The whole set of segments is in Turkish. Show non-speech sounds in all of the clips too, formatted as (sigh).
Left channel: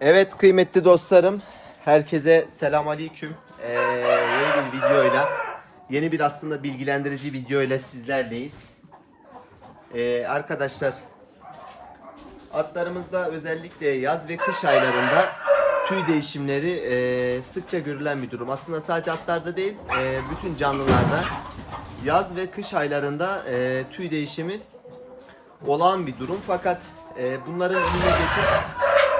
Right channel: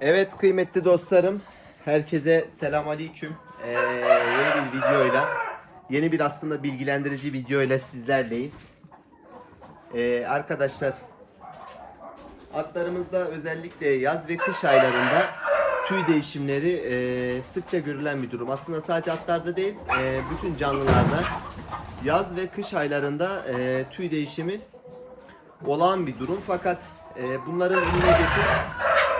Evet kıymetli dostlarım, herkese selam aleyküm. Ee, yeni bir videoyla, yeni bir aslında bilgilendirici videoyla sizlerleyiz. Ee, arkadaşlar, atlarımızda özellikle yaz ve kış aylarında tüy değişimleri e, sıkça görülen bir durum. Aslında sadece atlarda değil, e, bütün canlılarda yaz ve kış aylarında e, tüy değişimi olağan bir durum. Fakat e, bunların önüne geçip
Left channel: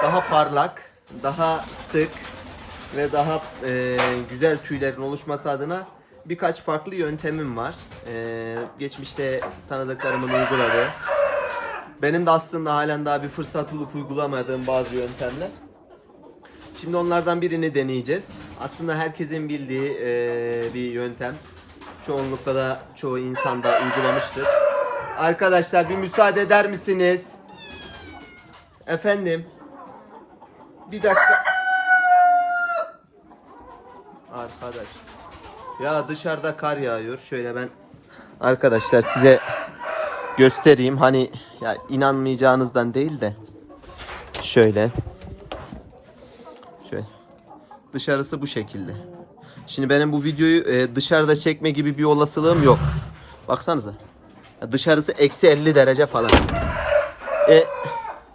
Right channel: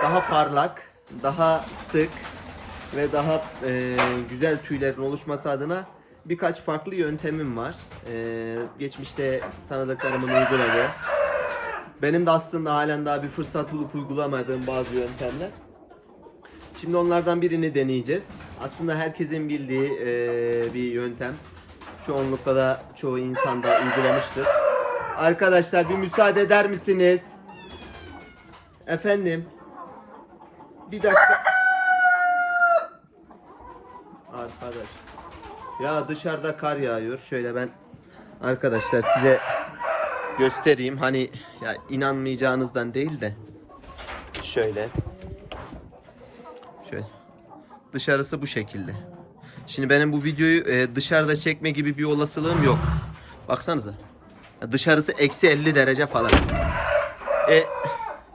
daha parlak, daha sık ve daha e, güzel tüylerin oluşması adına birkaç farklı yöntemim var. E, geçmişte tanıdıklarımın uyguladığı. Benim de aslında halen daha bir fırsat bulup uygulamadığım bazı yöntemler. Şimdi onlardan birini deneyeceğiz. Aslında herkesin bildiği e, bir yöntem. Çoğunlukla da çoğu insan da uygulamıştır. Arkadaşlar bir müsaade eder misiniz? Efendim. Bir dakika. Arkadaş. Ya dışarıda kar yağıyor. Şöyle ben arkadaşlar size göstereyim. Hani ya inanmayacağınızdan değil de şöyle. Şöyle. Dışarısı bu şekilde. Şimdi benim bu videoyu e, dışarıda çekme gibi bir olasılığım yok. Baksanıza. Dışarısı eksi 50 derece falan. E,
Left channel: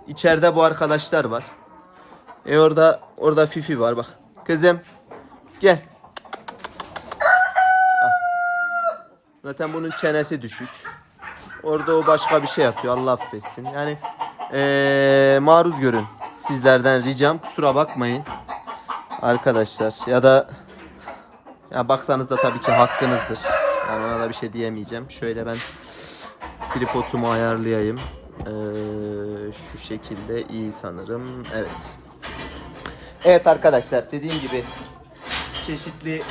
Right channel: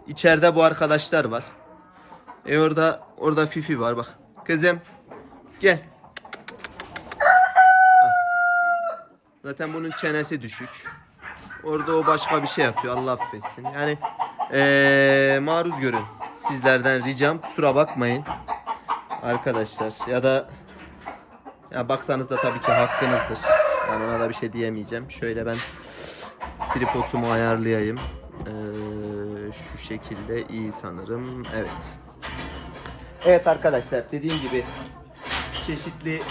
içeride bu arkadaşlar var. E orada orada Fifi var bak. Kızım gel. Ah. Zaten bunun çenesi düşük. Orada o başka bir şey yapıyor. Allah affetsin. Yani eee maruz görün. Sizlerden ricam kusura bakmayın. Arkadaşlar ya da ya baksanız da tabii ki hakkınızdır. Yani ona da bir şey diyemeyeceğim. Şöyle ben tripodumu ayarlayayım. Ee, şu şekilde iyi sanırım. Evet. Evet arkadaşlar dediğim gibi çeşitli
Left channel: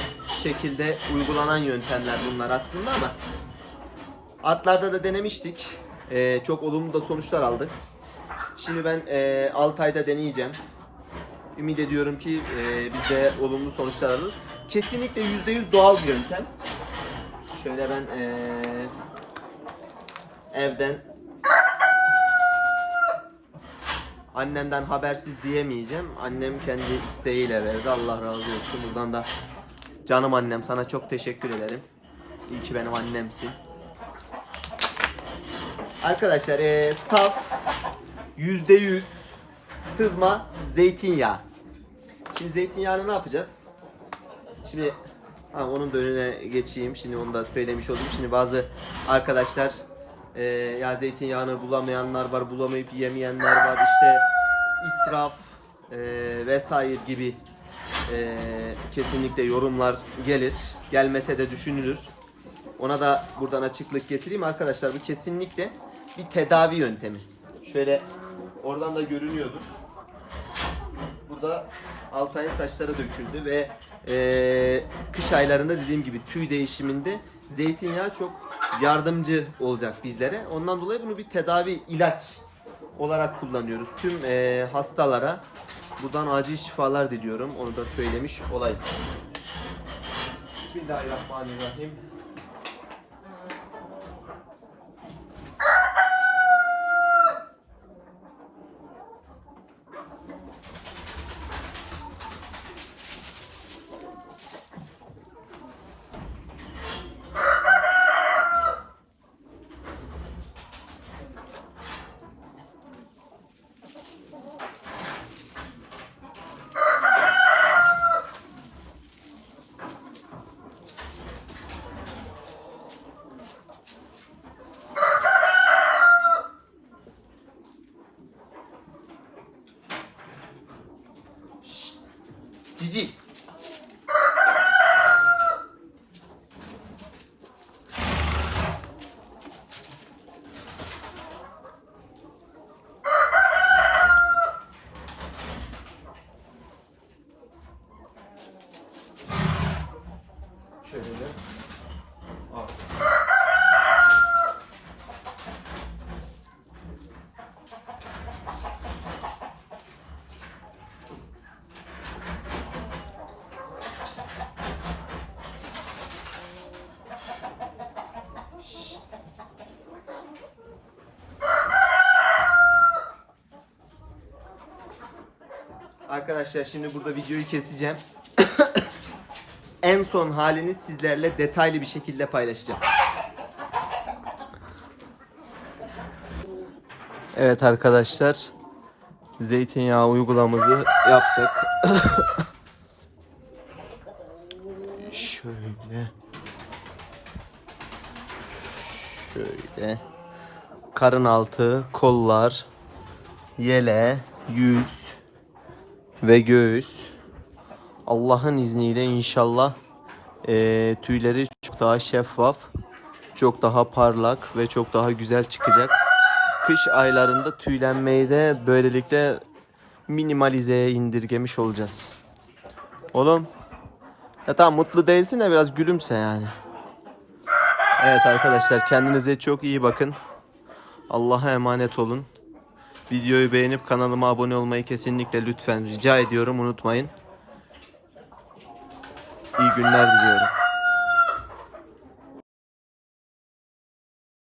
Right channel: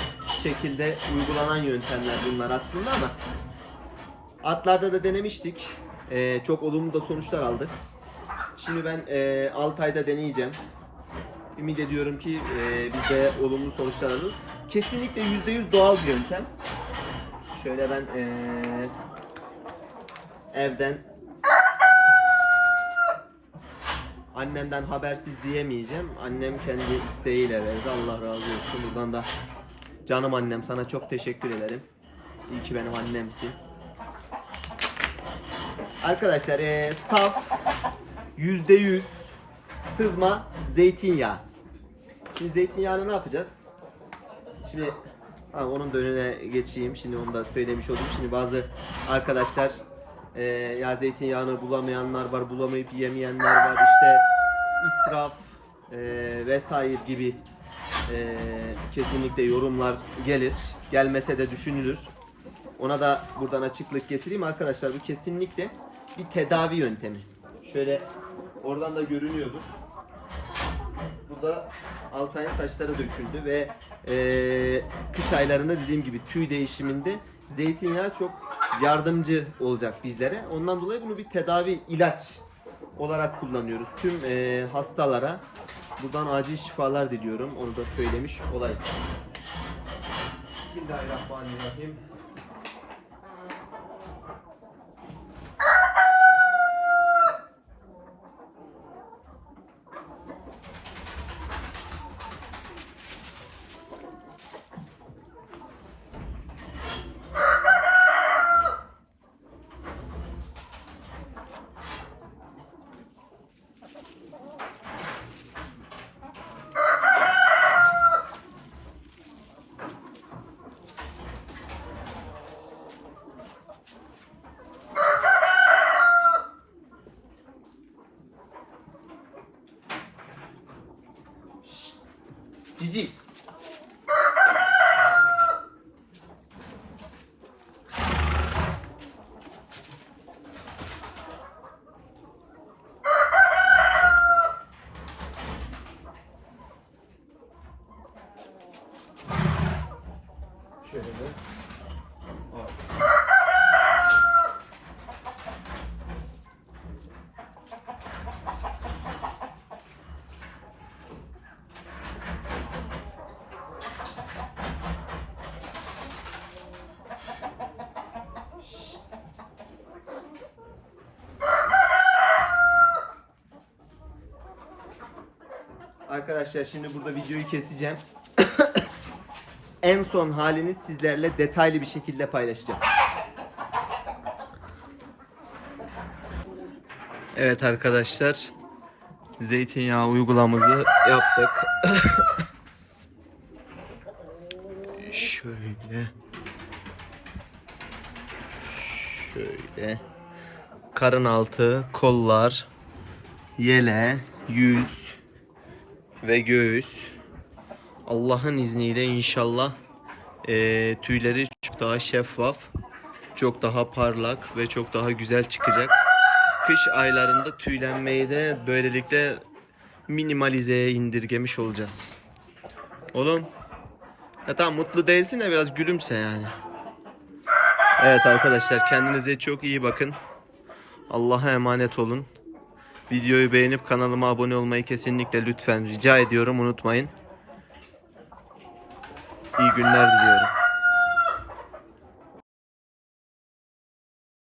şekilde uygulanan yöntemler bunlar aslında ama atlarda da denemiştik. Ee, çok olumlu da sonuçlar aldık. Şimdi ben e, 6 ayda deneyeceğim. Ümit ediyorum ki e, biz de olumlu sonuçlar alırız. Kesinlikle %100 doğal bir yöntem. Şöyle ben e, evden annemden habersiz diyemeyeceğim. Annem kendi isteğiyle verdi. Allah razı olsun. Buradan da canım annem sana çok teşekkür ederim. İyi ki benim annemsin. Arkadaşlar e, saf %100 sızma zeytinyağı. Şimdi zeytinyağını ne yapacağız? Şimdi ha, onun da önüne geçeyim. Şimdi onu da söylemiş olayım. Şimdi bazı arkadaşlar e, ya zeytinyağını bulamayanlar var, bulamayıp yemeyenler var. İşte israf e, vesaire gibi e, kesinlikle yorumlar gelir. Gelmese de düşünülür. Ona da buradan açıklık getireyim arkadaşlar. Bu kesinlikle bir tedavi yöntemi. Şöyle oradan da görünüyordur. Burada Altay'ın saçları döküldü ve eee, kış aylarında dediğim gibi tüy değişiminde zeytinyağı çok yardımcı olacak bizlere. Ondan dolayı bunu bir tedavi ilaç olarak kullanıyoruz. Tüm eee, hastalara buradan acil şifalar diliyorum. Onu da söylemiş olayım. Bismillahirrahmanirrahim. Cici. Şöyle de. Al. Arkadaşlar şimdi burada videoyu keseceğim. (coughs) en son halini sizlerle detaylı bir şekilde paylaşacağım. Evet arkadaşlar. Zeytinyağı uygulamamızı yaptık. (coughs) Şöyle. Şöyle. Karın altı, kollar, yele, yüz ve göğüs. Allah'ın izniyle inşallah eee, tüyleri çok daha şeffaf, çok daha parlak ve çok daha güzel çıkacak. Kış aylarında tüylenmeyi de böylelikle minimalizeye indirgemiş olacağız. Oğlum, ya tamam mutlu değilsin de biraz gülümse yani. Evet arkadaşlar kendinize çok iyi bakın. Allah'a emanet olun. Videoyu beğenip kanalıma abone olmayı kesinlikle lütfen rica ediyorum unutmayın. İyi günler diliyorum.